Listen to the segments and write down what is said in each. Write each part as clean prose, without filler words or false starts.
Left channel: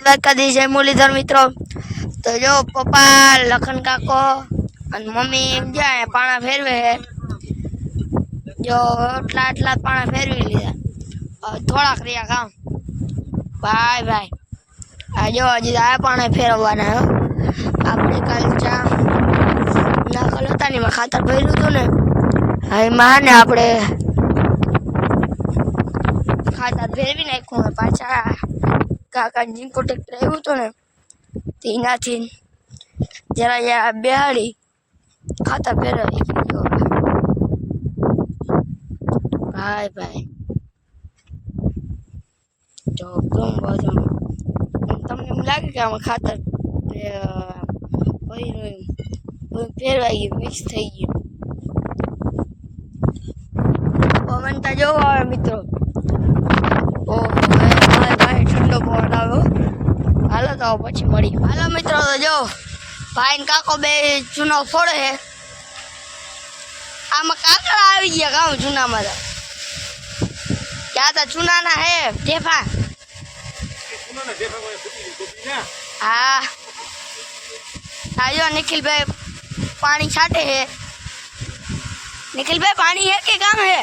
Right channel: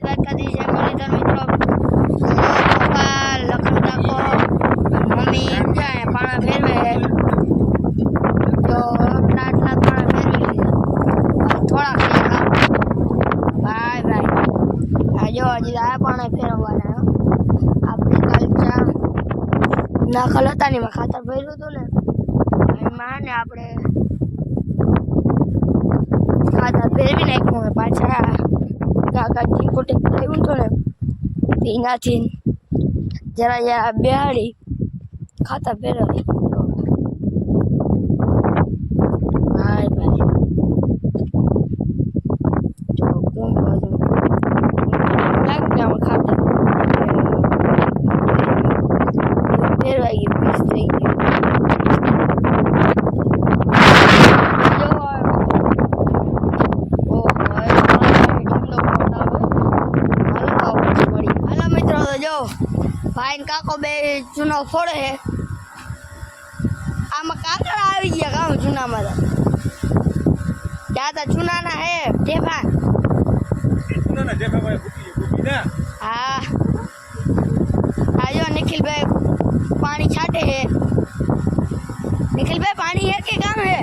દ્વારકાધીશ જય મુરલીધર મિત્રો. તો જો પપ્પા લખન કાકો અને મમ્મી ક્યાં પાણા ફેરવે જો આટલા પાણા ફેરવી લીધા થોડાક રહ્યા કામ ભાઈ ભાઈ આ જો હજી આ પાણા ફેરવવાના આપણે કાલ ચા નાખલ હતા ને એમાં ખાતર ભર્યું હતું ને એમાં ને આપણે ખાતર ફેરવી નાખ્યું પાછા કાકાજી કોટે લાવ્યું હતું ને તેનાથી જરા બેહાડી ખાતર ફેરવી ભાઈ ભાઈ જો ગમ બાજુ લાગે કે આમાં ખાતર ફેરવાઈ ગયું પીસ થઈ ગયું જો આવે મિત્રો ઠંડો પવન આવ્યો હાલો તો પછી મળી હાલો મિત્રો તો જો ભાઈ ને કાકો બે ચૂનો ફોડે છે આમાં કાકડા આવી ગયા કામ ચૂનામાં તો ક્યાં તા ચૂનાના હે ઢેફા હા આજો निखिल पानी छाटे है निखिल पानी है के काम है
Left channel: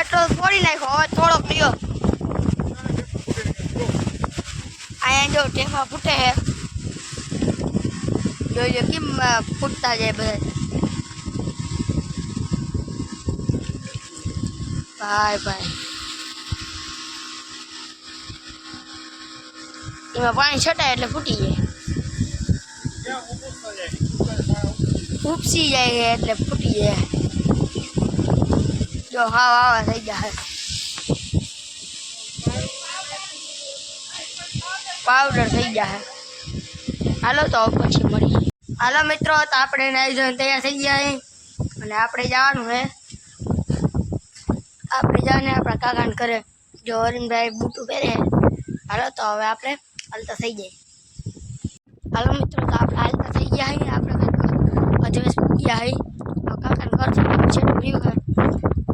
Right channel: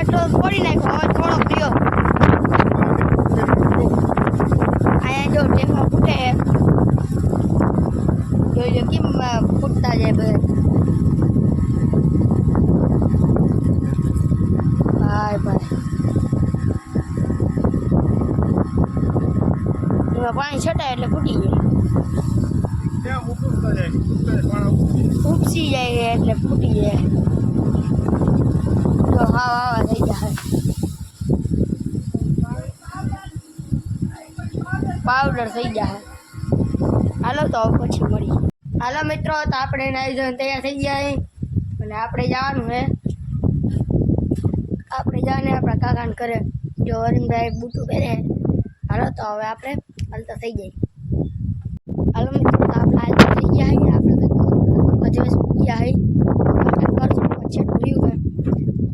એટલો ફોડી નાખ્યો હવે થોડોક પીયો અહીંયા જો ટેમાં ફૂટે છે જોઈજો કેમ ફૂટતા જાય બધા ભાઈ ભાઈ એમાં પાણી છટાય એટલે ફૂટી જાય ઉપસી જાય એટલે ફૂટી જાય જો હાવા થઈ જાય પાવડર થઈ જાય હાલો તો પછી મળી હાલો મિત્રો તો આપણે નાઈ ધોઈને તૈયાર થઈ ગયા અને આપણે જવાનું છે આપણે જાને આપણા કાકાને કરે જો અરવિંદભાઈ બૂટું પહેરે હાલો તો હવે આપણે હાલતા થઈ જાય હાલો મિત્રો તો આપણે હાલતા થઈ ગયા છીએ આપણે દિવસ ગયા છીએ કાકાને કરશે છે રહ્યું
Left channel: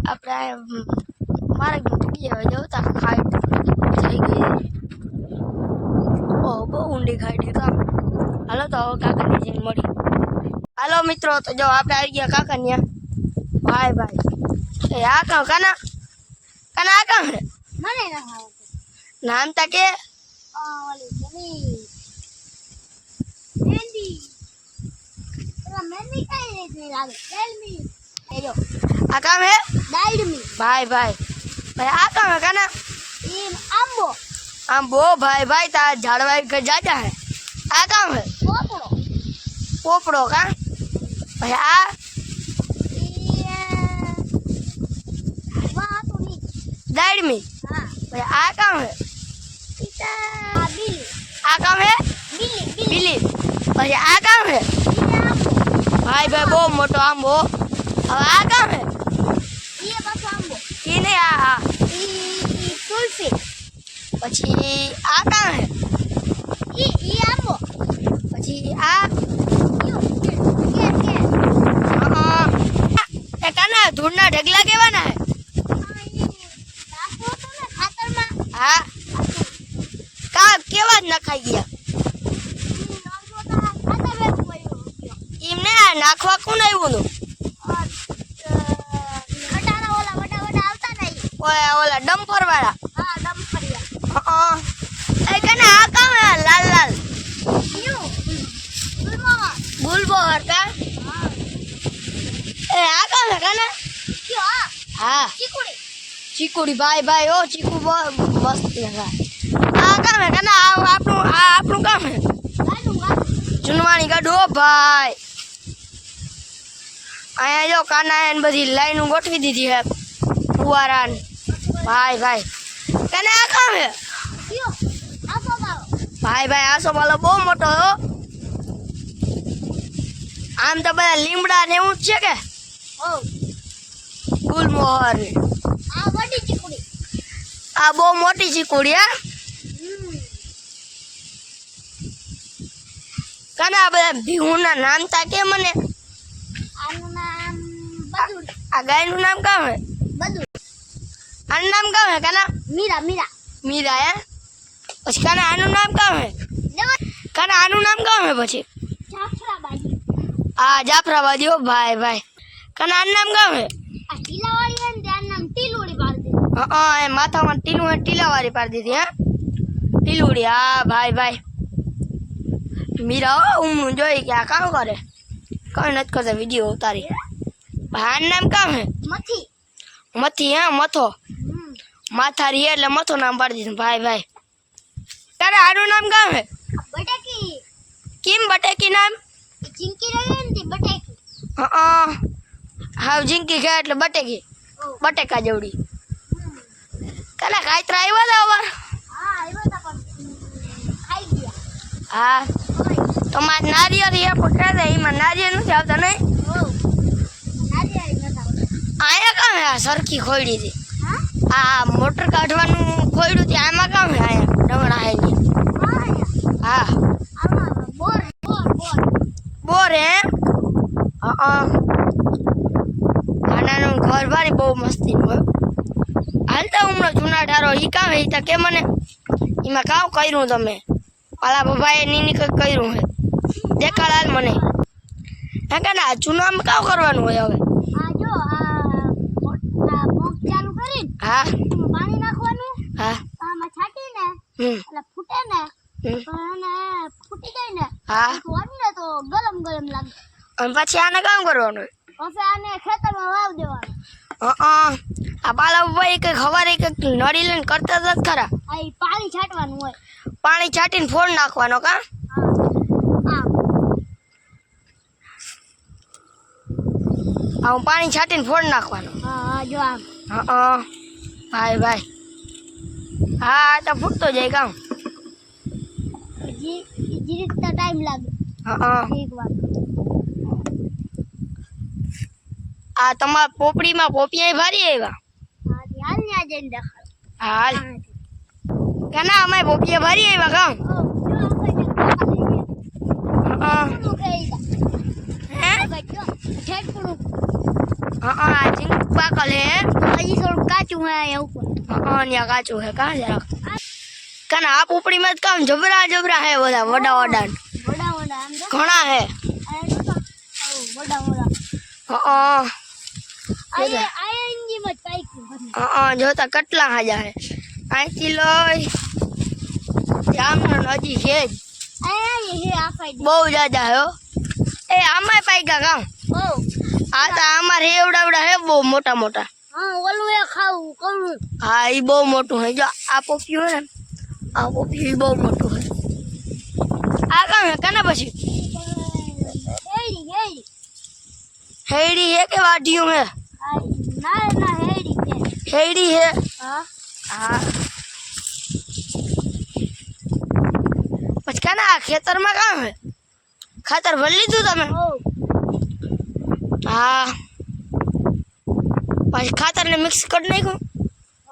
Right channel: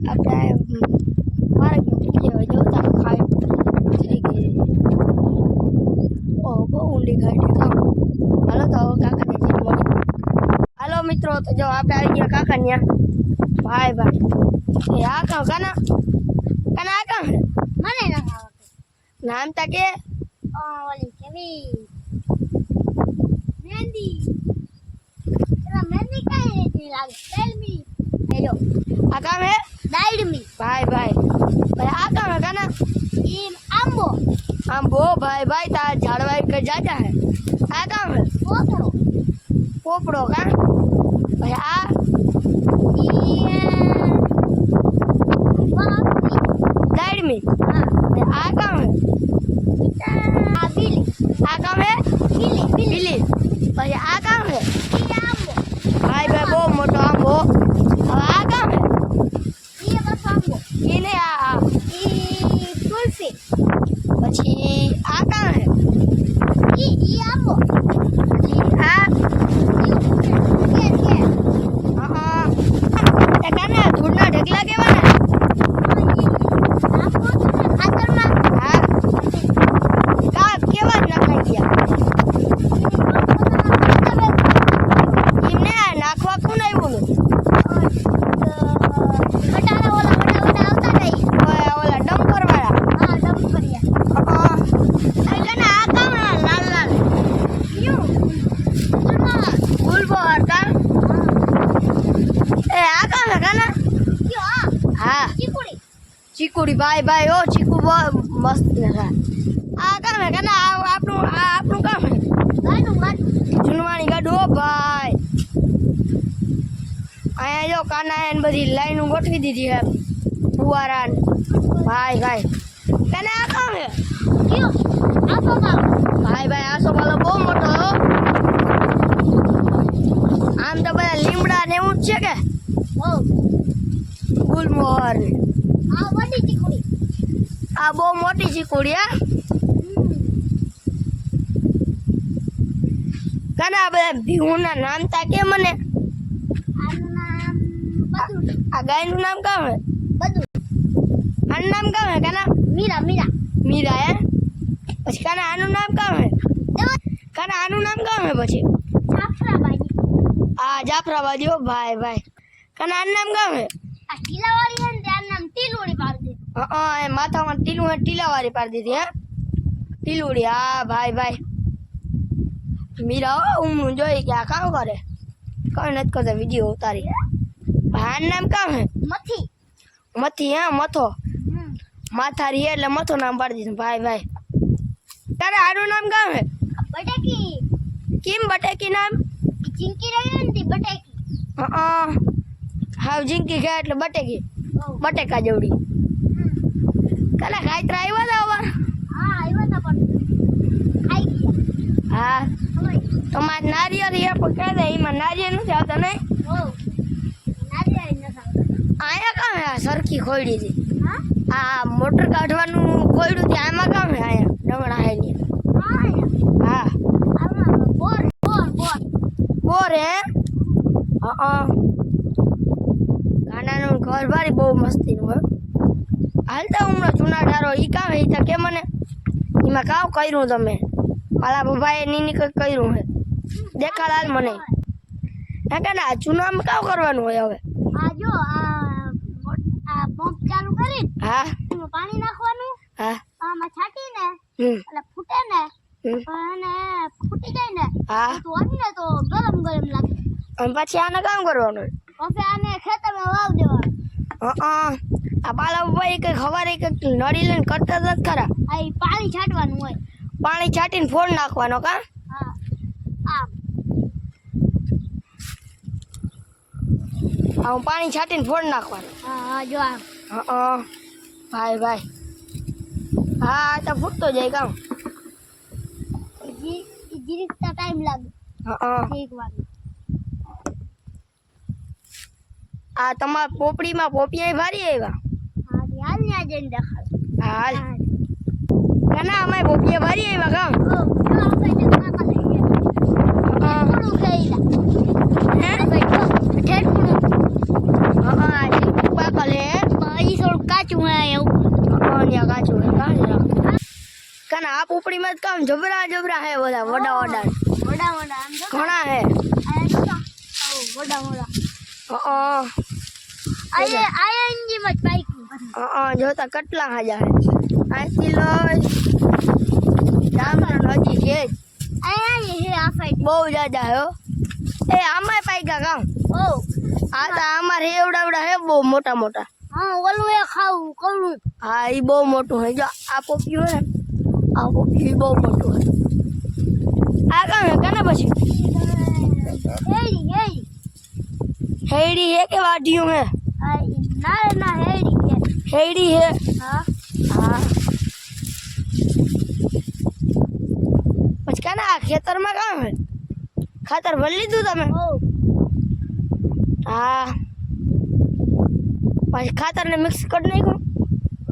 આપણે મારે હવે જવતા ખાઈ થઈ ગઈ ઓહ બહુ ઊંડી ખાઈ કામ હાલો તો હવે કાકાને જેમ મળી હાલો મિત્રો તો જો આપણે આવી ગયા કાકા ત્યાં ભાઈ ભાઈ આ કામ કાના કાના આ કામ હે મને ના નામ તા કે ઓલી કેવી મેંદી તેરા મેંદી કાઈ નહીં લાગે દાલમી હેલો આ કામ હે દાલમી ભાઈ ભાઈ ભાઈ આ કામ હે કાના ઈ આંબો આંબો ભાઈ ભાઈ તા ઝાડવા કે જાજા હે આ કામ હે પોપડો પોપડો કા ભાઈ આ दाढ़ी आ काम है आ काम है बिल्ली भाई आ काम है भाई भाई बहुत मोटो आंबो अब आ काम है ये नहीं आ तुलसी પછી આ કામ હે ઈ આંબો પછી આ એ કાના ધૂળના ઢગલા કેવાના હા કા કેવા જ નખાઈ ગયા એમને નાખવા કોણ આવ્યું ઓલા ડમ્પર વાળા એ કને આ કામ લાલ લાલ ગુલબો હરકા એ આ કામ હે કાના હા ચીકુડી ભાઈ ભાઈ ઓ ચીકુ મસ્ત લગા આ કામ હે કાના આપણું કામ હે જુનવાણી ગાડો ભાઈ અહીંયા જો કાના એને બધી લાઈનો ગોઠવી દીધી હે ફુવારા ભાઈ ભાઈ કાના આ કામ હે ભાઈ ભાઈ આસો વાળો બહુ મોટો આમ તો બધા લીમડા ને એવું જ છે કે ગુલમોહર આ બહુ મોટી ચીકુડી હા કાના બધા ભીહુના નામ તા કે મને આનું આ ગાયનું નામ કામ હે બધું આનું નામ કામ હે કાના મીરા મીરા મીરા હે પછી કાના આનું નામ કામ હે કાના આનું નામ કામ હે પછી જાફરાબાદી આ જાફરાબાદી હો ભાઈ ભાઈ કાના આનું નામ કામ હે આ ટીલાવાળી છે ને ત્યાં નામ ટીલુડી પાડી દીધી હા એ માથામાં ટીલું હે ટીલાવાળી પાડી દીધી હે ટીલુડી હા ભાઈ ભાઈ મીરા હો હું જોઈ કે આ કામ કરે કઈ નથી કરતા વિડીયો ઉતારી ભાઈનું નામ કામ હે મથી મથી હે મથો માથારી હે એટલે મથો નામ પાડી દીધું ભાઈ ભાઈ તારે આનું નામ કામ હે બટેકી કેમ બટેકી નામ એ ચીંકી રહ્યો ને તે બટેકી હાવ જીંકી ખાય એટલે બટેકી ઓ બટેકા જેવડી કાલે કાયત્રા આવ્યા હતા હવે હા આવ્યો તો પણ ખાઈ ગયા હા તમારે નારિયેળ એ પકડા એમાં નારિયેળ નથી આવતા નહીં ઓ નારિયેળ નતા અહીંયા કામ હે આ સરખી ખોયડી હતી હા આ મોટર કાઢવાનું ખોયડું છે આમાં કામ હે અહીંયા ડંગણા હે ને હા આમાં બોર બોર બોર બોર હે ગાનાનું ઘર ભારી બહુ મસ્તી હોય હાલતા હમણાં જૂના ઢારો ઈ કામ હે ઈ તો કે મને એમાં કામ કર્યું તમે પાલા બાબાએ નીની કંઈક કર્યું હે દેખાડ હાલ મને હે કે ના ચૂનામાં કામ કરવાનું હોય હવે આ જો આ પંપ ચાલુ કરીને હા એમાં પાણી નાખવાનું હા આમાં છાંટીને એટલે ફૂટે ને પણ એને ફૂટી જાય ને હા તો વાળી ને તો ગરમ ગરમ લાગે અને પછી આને કામ કરવાનું હોય પછી આને ખેતરમાં વાવ દેવાનું આ પાલા બાબાએ કંઈક હવારે કંઈક નળી લઈને કરતા હતા જ ખરા આ ઈ પાણી છાંટવાનું હોય પાણી છાંટીને ફોડ નાખવાનો કા હા હું પાણી છાંટીને ફોડ નાખવાનો હા જો આમ ભાઈ ભાઈ હા આ તો ફૂટતો જાય કામ જીરીક તો ટાઈમ લાગે એક વાર આ તમારા પોપડીમાં પોપિયા ભારી આવ્યા હાલ ને આજે દેખાડ હાલ કાના અમારે પોપિયા ભારી આવ્યા કામ ઓ જો આપણે થોડું ખાઈલા હે ઠેઠું આ જીંક પાકલ હે હજી થોડું કાચું હે એવું ત્યાં કાચું હે કાં જરા કાના આ પોપડીમાં જ કામ જબરા જબરા હે બધા વડા વડા વડા વડા આમ જો ઘણા હે વડા વડા હા આ એન્જિન માં પાઈકું જોતા કેટલા હાજા હે અહીંથી લઈ જામનો હજી છે જ આ હે આ ફાઈટ બહુ જાજા હે હો એ આમાંય પાઈકા કામ ઓ આ તો અમારે એવડાવડા હે બહુ મોટા મોટા હા ઓલું એ ખાવું કવળું હા એ બહુ મોટું હે જો આ પોપિયું હે ને આ પોપિયું બહુ મોટું હે આ કામ હે કાના પછી હેડી હેડી હેડી હે કે વાઢિયું હે આ ના ના હેડી કે હેડી હે હા હા પછી કાના આ ખેતરમાં કામ હે ખાતર ભરી લીધું તમે ઓ હા પછી ખાતરને મિક્સ કરી નાખ્યું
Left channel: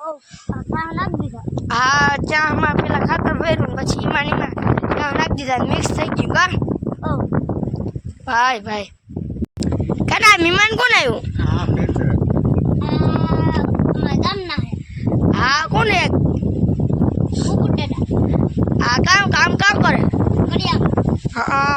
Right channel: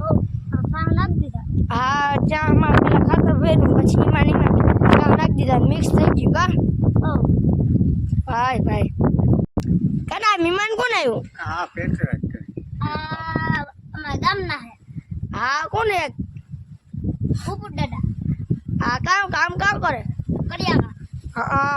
ઓ પાણી નાખ દીધા હા ચામાં પેલા ખાતર ભર્યું પછી એમાં ને એમાં ત્યાં નાખી દીધા મિક્સ થઈ ગયું કા ઓ ભાઈ ભાઈ કાના મહેમાન કોણ આવ્યું હા પેટ્રોલ આ ગામના હે હા કોણ હે મુકુટ દાદા આ કામ કરે કડિયા હા